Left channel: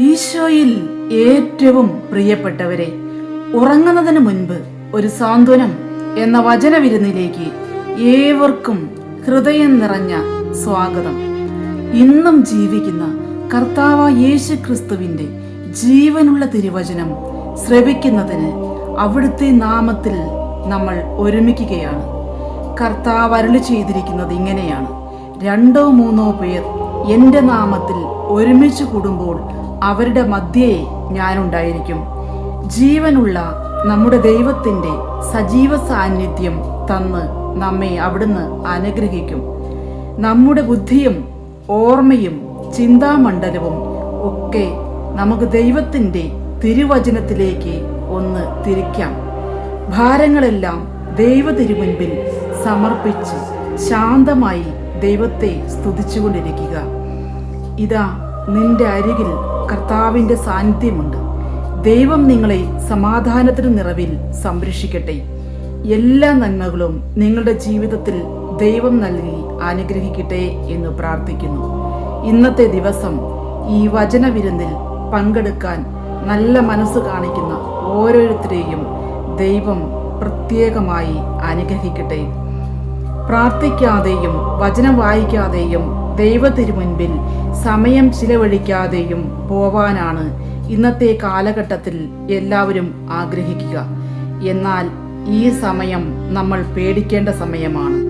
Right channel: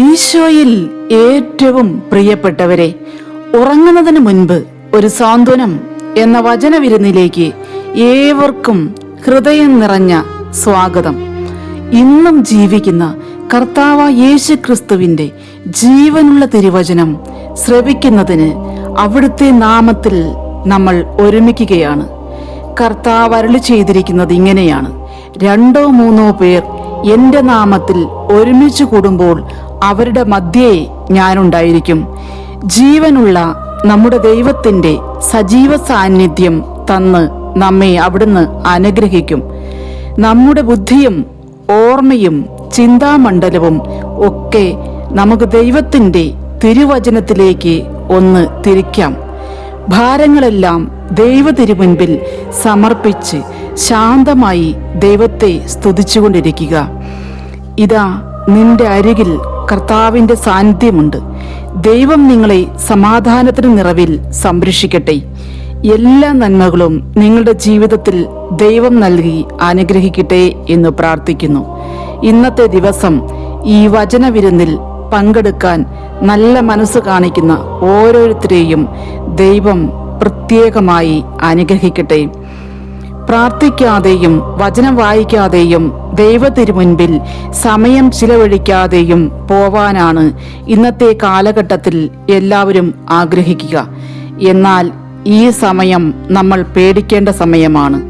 ഈശോയിൽ ഏറ്റവും പ്രിയപ്പെട്ടവരെ, ഉറങ്ങുന്നതിന് മുൻപ് ഒരു സാന്ത്വനം എന്ന വചനവിരുന്നിലേക്ക് ഏവർക്കും ഹൃദയം നിറഞ്ഞ സ്വാഗതം. ഇന്നും ജീവിക്കുന്ന കർത്താവായ യേശു ക്രിസ്തുവിന്റെ ജീവനുള്ള തിരുവചനം ശ്രവിക്കുന്നതിന് അവിടുത്തെ നാമത്തിൽ നമ്മൾ ഒരുമിക്കുകയാണ്. കർത്താവ് അരുളി ചെയ്തിരിക്കുന്നത് ഇങ്ങനെയാണ്: 2-3 പേർ എന്റെ നാമത്തിൽ ഒരുമിച്ച് കൂടുമ്പോൾ അവരുടെ മധ്യേ ഞാനുണ്ടായിരിക്കും. ജീവനുള്ള നമ്മുടെ ദൈവത്തിന്റെ സജീവ സാന്നിധ്യം തന്ന് നമ്മെ അവിടുന്ന് അനുഗ്രഹിക്കും. നമ്മുടെ ബുദ്ധിയും ഓർമ്മയും ചിന്താമണ്ഡലവും ഒക്കെ നമുക്ക് ദൈവത്തിന്റെ തിരുവചനത്തിലേക്ക് ഒന്ന് തിരിക്കാം. ഭാരങ്ങളെല്ലാം ദൈവ തിരുമുൻപിൽ സമർപ്പിച്ച് ശാന്തമായി ദൈവത്തെ സ്തുതിച്ചുകൊണ്ടിരിക്കുക. ഇതാ, നിന്റെ അരികിൽ കർത്താവിന്റെ സാന്നിധ്യമുണ്ട്. ദൈവം നിങ്ങളെ സമാധാനത്തിന് നിറവിൽ സംരക്ഷിക്കട്ടെ. എല്ലാ നന്മകളും നിങ്ങളുടെ ജീവിതത്തിൽ ദൈവം നൽകി അനുഗ്രഹിക്കട്ടെ എന്ന് പ്രാർത്ഥിക്കുന്നു. ഇന്നത്തെ ദിവസം ഈ വചനവിരുന്നിൽ പങ്കെടുക്കാൻ നല്ല മനസ്സ് കാണിക്കുന്ന ഓരോരുത്തരെയും ദൈവം പ്രത്യേകമായി അനുഗ്രഹിക്കട്ടെ. പ്രാർത്ഥിക്കാതെയും വചനം വായിക്കാതെയും ദൈവ തിരുമുൻപിൽ സമയം ചിലവഴിക്കാതെയും പോവാനാണ് ഇന്നത്തെ കാലഘട്ടത്തിൽ എല്ലാവരും ആഗ്രഹിക്കുക. എന്നാൽ ഈ സമയം നമ്മൾ പേടിക്കേണ്ട സമയമാണ്.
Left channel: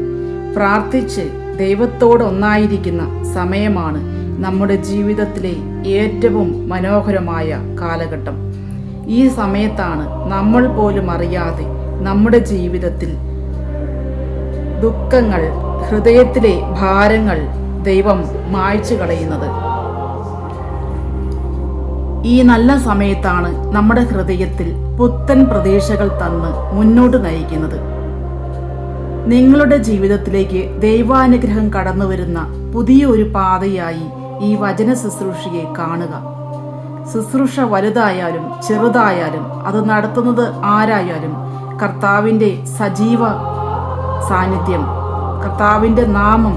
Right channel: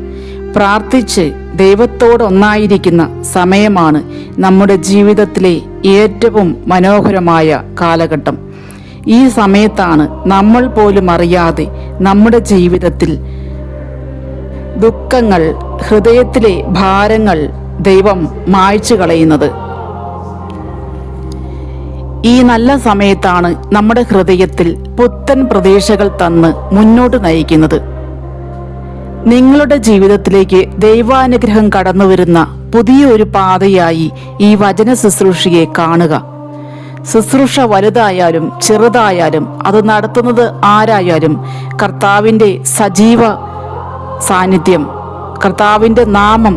പ്രാർത്ഥിച്ച് ദൈവത്തോട് ഒന്നായിരിക്കുന്ന സമയമാണ് നമ്മുടെ ജീവിതത്തിലെ ഏറ്റവും മനോഹരമായ കാലഘട്ടം. ഈ സമയത്താണ് നമ്മൾ പോലും അറിയാതെ നമ്മുടെ ജീവിതത്തിൽ ദുഃഖങ്ങൾ, ഹൃദയത്തിലെ ഭാരങ്ങൾ ദൈവം മായ്ച്ചു കളയുന്നത്. ഈ നല്ല സമയത്താണ് നമ്മുടെ ഹൃദയത്തിൽ പുത്തൻ പ്രതീക്ഷകൾ തന്ന് മുന്നോട്ട് നയിക്കുന്നത്. നിങ്ങളുടെ ജീവിതത്തിലേക്ക് ദൈവാനുഗ്രഹം കടന്നു വരുന്ന പുതിയൊരു പാതയായി ഈ വചന ശുശ്രൂഷയെ കാണുക. ശുശ്രൂഷ വലുതായാലും ചെറുതായാലും അത് നടത്തുന്നത് ആരായാലും കർത്താവിന്റെ സജീവ സാന്നിധ്യം, കർത്താവിന്റെ നാമം,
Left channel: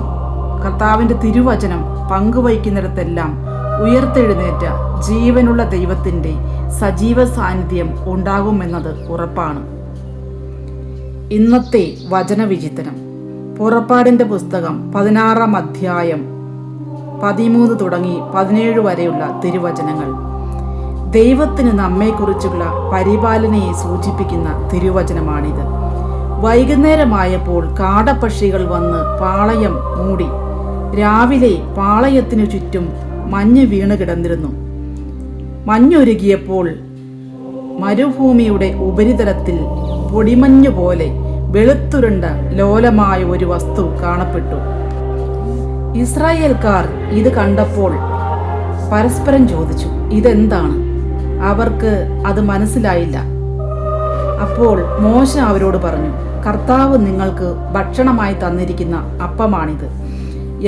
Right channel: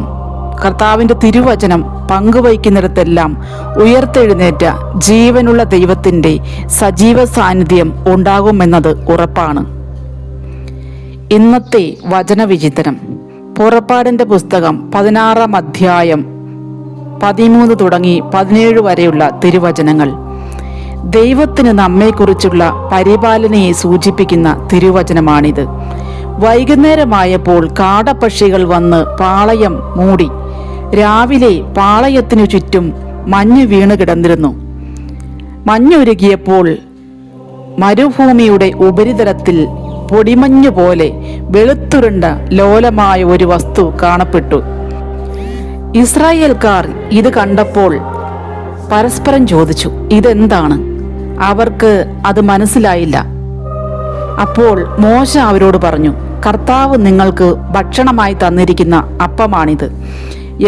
കർത്താവിന്റെ തിരുവചനം പങ്കുവയ്ക്കുന്നിടത്തെല്ലാം ഉയർത്തെഴുന്നേറ്റ ജീവനുള്ള ദൈവത്തിന്റെ സജീവ സാന്നിധ്യം ഉണ്ടാകുമെന്നത് ഉറപ്പാണ്. ഇന്നത്തെ വചനവിചിന്തനം പുറപ്പാടിന്റെ പുസ്തകം 16-ാം അധ്യായം 13 തുടങ്ങി 17 വരെയുള്ള തിരുവചനങ്ങൾ. ദൈവത്തിന് നമ്മെക്കുറിച്ചുള്ള പരിപാലനയെ സൂചിപ്പിക്കുന്ന തിരുവചനമാണിത്. വൈകുന്നേരമായപ്പോൾ കാടപ്പക്ഷികൾ വന്ന് പാളയം മൂടി. രാവിലെ പാളയത്തിനു ചുറ്റും മഞ്ഞ് വീണ് കിടന്നിരുന്നു. മഞ്ഞുരുകിയപ്പോൾ മരുഭൂമിയുടെ ഉപരിതലത്തിൽ പൊടിമഞ്ഞു പോലെ വെളുത്തുരുണ്ട ലോലമായ ഒരു വസ്തു കാണപ്പെട്ടു. ഇസ്രായേൽക്കാർ ഇത് കണ്ടപ്പോൾ പരസ്പരം ചോദിച്ചു, ഇതെന്താണ്? അവർക്ക് അത് മനസ്സിലായില്ല. അപ്പോൾ മോശ അവരോട് പറഞ്ഞു, കർത്താവ് നിങ്ങൾക്ക് ഭക്ഷണമായി തന്നിരിക്കുന്ന അപ്പമാണിത്.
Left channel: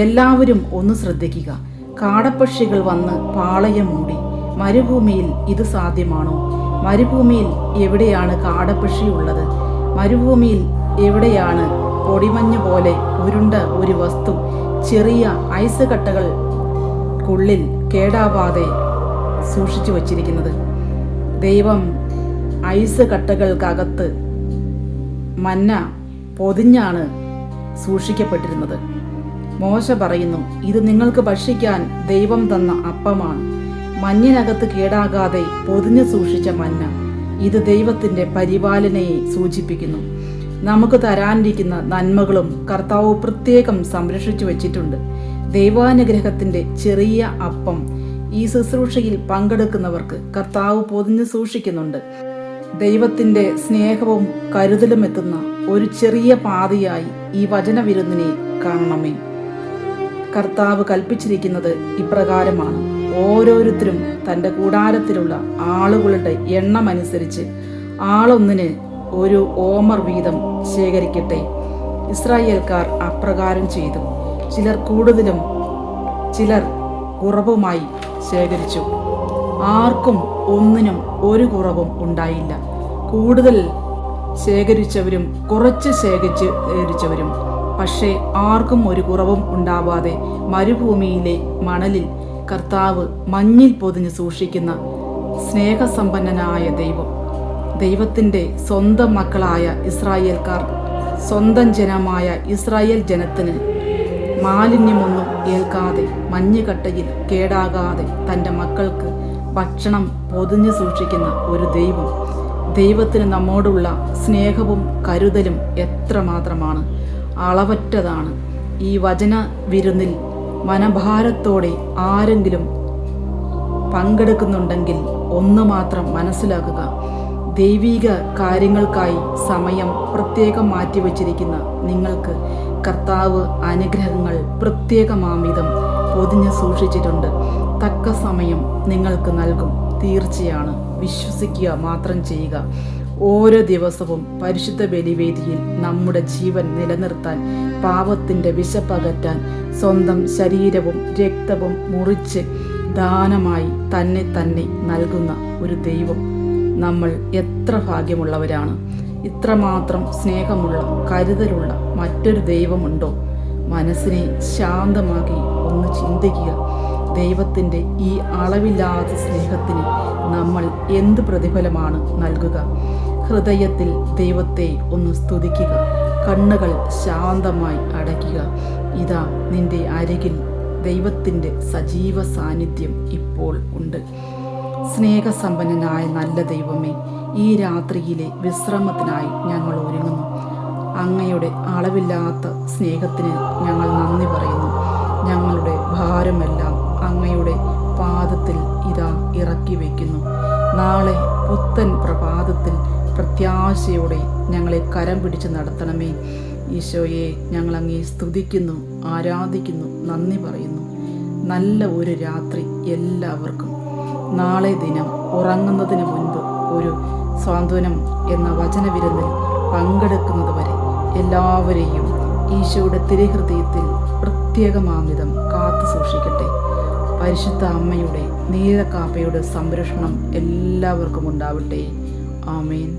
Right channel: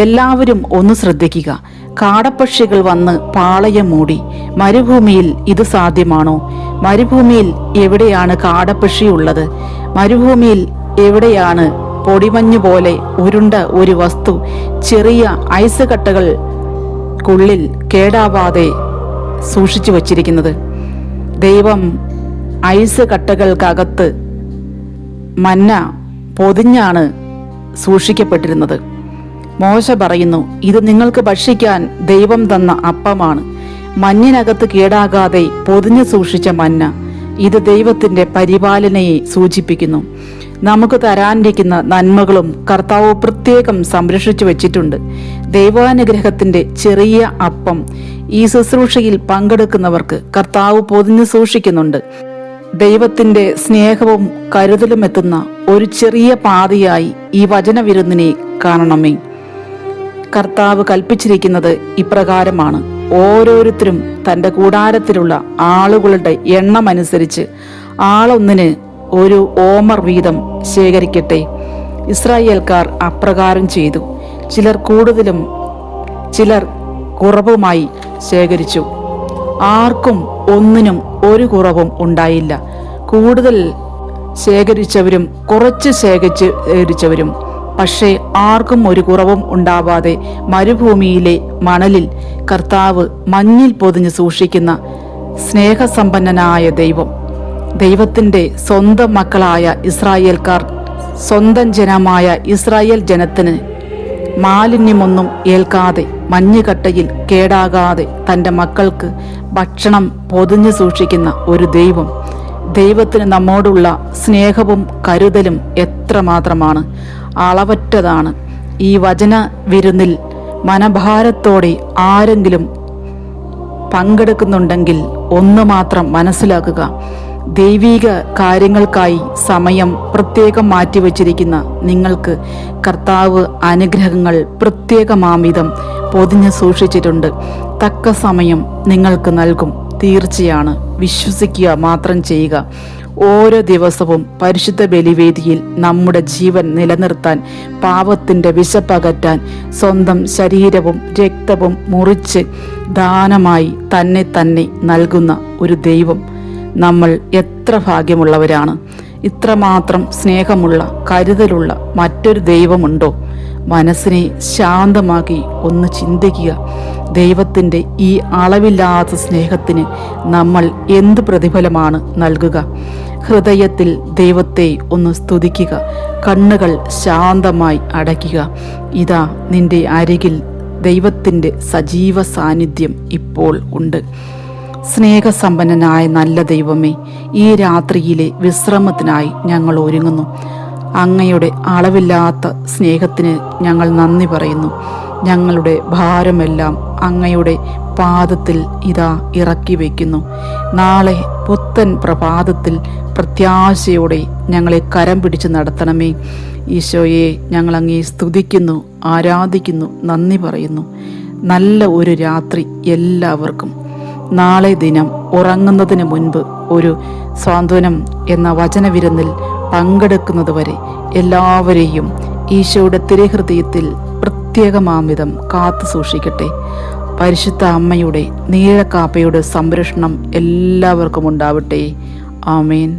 എല്ലാവരും ഒന്ന് ശ്രദ്ധിക്കുക. കാടപ്പക്ഷികൾ വന്ന് പാളയം മൂടി. മരുഭൂമിയിൽ ഇത് സാധ്യമാണോ? മരുഭൂമിയിൽ എവിടെയാണ് കാടപ്പക്ഷി ഉള്ളത്? മരുഭൂമിയിൽ എവിടെയാണ് പൊടിമഞ്ഞു പോലെ ഉരുണ്ട ഒരു വസ്തു ചെറിയ ഐസ് കട്ടകൾക്കുള്ളിൽ കേടാവാതെ സൂക്ഷിച്ചു വച്ചിരിക്കുന്നത്? ദൈവം ഐസ് കട്ടകൾക്കകത്ത് മന്ന പൊതിഞ്ഞാണ് സൂക്ഷിക്കപ്പെട്ടിരുന്നത്. മോശ പറയുന്നു, ഇത് നിങ്ങൾക്ക് ഭക്ഷിക്കാൻ ദൈവം തന്ന അപ്പമാണ്. മഞ്ഞിനകത്ത് കേടാകാതെ പൊതിഞ്ഞു സൂക്ഷിച്ച മന്ന, ഇത് ദൈവത്തിന്റെ പരിപാലനയെ സൂചിപ്പിക്കുന്നു. നമുക്ക് തരാനിരിക്കുന്ന നന്മകളും കർത്താവ് പ്രത്യേകം സംരക്ഷിച്ചു വച്ചിട്ടുണ്ട്. ദൈവാനുഗ്രഹത്തിന്റെ ചെറിയ അപ്പം ഈ ശുശ്രൂഷയിൽ പങ്കെടുക്കുന്നവർക്ക് കർത്താവ് പൊതിഞ്ഞു സൂക്ഷിക്കുന്നുണ്ട്. ദൈവത്തിന്റെ സ്നേഹവും കരുതലും എത്തുന്ന ഒരു ചെറിയ പാതയായി ഈ വചനവിരുന്നിനെ കാണണമേ. കർത്താവ് കൽപ്പിച്ചിരിക്കുന്നത് ഇപ്രകാരമാണ്: ഓരോരുത്തരും തന്റെ കൂടാരത്തിലുള്ള ആളുകളുടെ എണ്ണമനുസരിച്ച് ആളൊന്നിന് ഒരു ഓമർ വീതം ശേഖരിക്കട്ടെ. ഇസ്രായേൽക്കാർ അപ്രകാരം ചെയ്തു. ചിലർ കൂടുതലും ചിലർ കുറവുമായി ശേഖരിച്ചു. ആർക്കും ഒന്നിനും ഒരു കുറവും ഉണ്ടായില്ല. കൂടുതൽ ശേഖരിച്ചവരും കുറച്ച് ശേഖരിച്ചവരും പക്ഷേ ആർക്കും ഒരു കുറവും ഉണ്ടാവാതെ മരുഭൂമിയിലെ മണലിൽ കർത്താവ് മഞ്ഞിൽ പൊതിഞ്ഞ് സൂക്ഷിക്കുന്ന സ്നേഹസമ്പന്നനായ ദൈവം. ദൈവത്തിൻ്റെ സ്വന്തം മക്കളായ ഇസ്രായേൽക്കാർ, സ്വന്തം ജനമായ ഇസ്രായേൽ ജനത്തിന് മാലിന്യമൊന്നും ഏൽക്കാതെ മഞ്ഞുകട്ടയിൽ കേടാകാതെ തൻ്റെ മക്കൾക്ക് ഭക്ഷണം പൊതിഞ്ഞു സൂക്ഷിക്കുന്ന ഒരു ദൈവം. ദൈവത്തിന് നമ്മോടുള്ള സ്നേഹവും കരുതലും എത്രമാത്രമാണ്, അളവറ്റതാണ്. ഈ വചന വിരുന്നിൽ മനഭാരത്തോടെ ആരെങ്കിലും പങ്കെടുക്കുന്നുണ്ടെങ്കിൽ ഒന്ന് മാത്രം മനസ്സിലാക്കുക: ദൈവിക കാര്യങ്ങൾക്കായി സമയം പ്രത്യേകം മാറ്റിവെച്ചിരിക്കുന്ന നിങ്ങൾക്ക് കർത്താവ് അനുഗ്രഹങ്ങൾ പ്രത്യേകമാമിതം പൊതിഞ്ഞ് സൂക്ഷിച്ചിട്ടുണ്ട്. തക്ക സമയം നിങ്ങൾക്ക് നൽകും. തീർച്ചയാണ്, വിശ്വസിക്കുക മാത്രം ചെയ്യുക. ഓരോ ദിവസവും പരിശുദ്ധ ബലിവേദിയിൽ നമ്മുടെ ജീവൻ നിലനിർത്താൻ, പാപത്തിൻ്റെ വിശപ്പകറ്റാൻ സ്വന്തം ശരീരവും രക്തവും മുറിച്ച് ദാനമായി തന്നെ നൽകുന്ന ഒരു ദൈവം. നമ്മൾ എത്ര ഭാഗ്യമുള്ളവരാണ്! ഇത്രമാത്രം സ്നേഹമുള്ള, കരുതലുള്ള മറ്റൊരു ദൈവമുണ്ടോ? മനസ്സിനെ ശാന്തമാക്കി ഒന്ന് ചിന്തിക്കുക. ദൈവത്തിൻ്റെ ഈ അളവില്ലാത്ത സ്നേഹത്തിന് നമ്മൾ എന്ത് പ്രതിഫലമാണ് നൽകുക? ഹൃദയത്തിൽ ദൈവത്തെ ഒന്ന് സ്തുതിക്കുക. കണ്ണുകൾ ശാന്തമായി അടയ്ക്കുക. ഇതാ നിന്റെ അരികിൽ ദൈവത്തിൻ്റെ സജീവ സാന്നിധ്യം ഇപ്പോൾ ഉണ്ട്. സ്നേഹസമ്പന്നനായ നല്ല ദൈവമേ, ഈ രാത്രിയിലെ വിശ്രമത്തിനായി ഞങ്ങൾ ഒരുങ്ങുന്നു. അങ്ങയുടെ അളവില്ലാത്ത സ്നേഹത്തിന് ഞങ്ങൾ നന്ദി പറയുന്നു. ഞങ്ങളുടെ ഭാരമെല്ലാം അങ്ങയുടെ പാദത്തിൽ ഇതാ ഇറക്കി വയ്ക്കുന്നു. നാളെ പുത്തൻ പ്രഭാതത്തിൽ പ്രത്യാശയോടെ ഞങ്ങളെ കരം പിടിച്ച് നടത്തണമേ. ഈശോയെ, ഞങ്ങൾ അങ്ങേ സ്തുതിക്കുന്നു, ആരാധിക്കുന്നു, നന്ദി പറയുന്നു. നല്ല ഒരു രാത്രി എല്ലാവർക്കും. നാളെ ദിനം ഉറങ്ങുന്നതിന് മുൻപ് ഒരു സാന്ത്വനം എന്ന വചനവിരുന്നിൽ പങ്കെടുക്കുന്നതുവരെ എല്ലാവരെയും ഈശോയുടെ തിരുഹൃദയത്തിൽ പ്രത്യേകമാംവിധം കാത്തു സൂക്ഷിക്കട്ടെ. പരിശുദ്ധ അമ്മയുടെ നീഴക്കാപ്പയുടെ സംരക്ഷണം എല്ലാവർക്കും ഉണ്ടാവട്ടെ. ആമേൻ.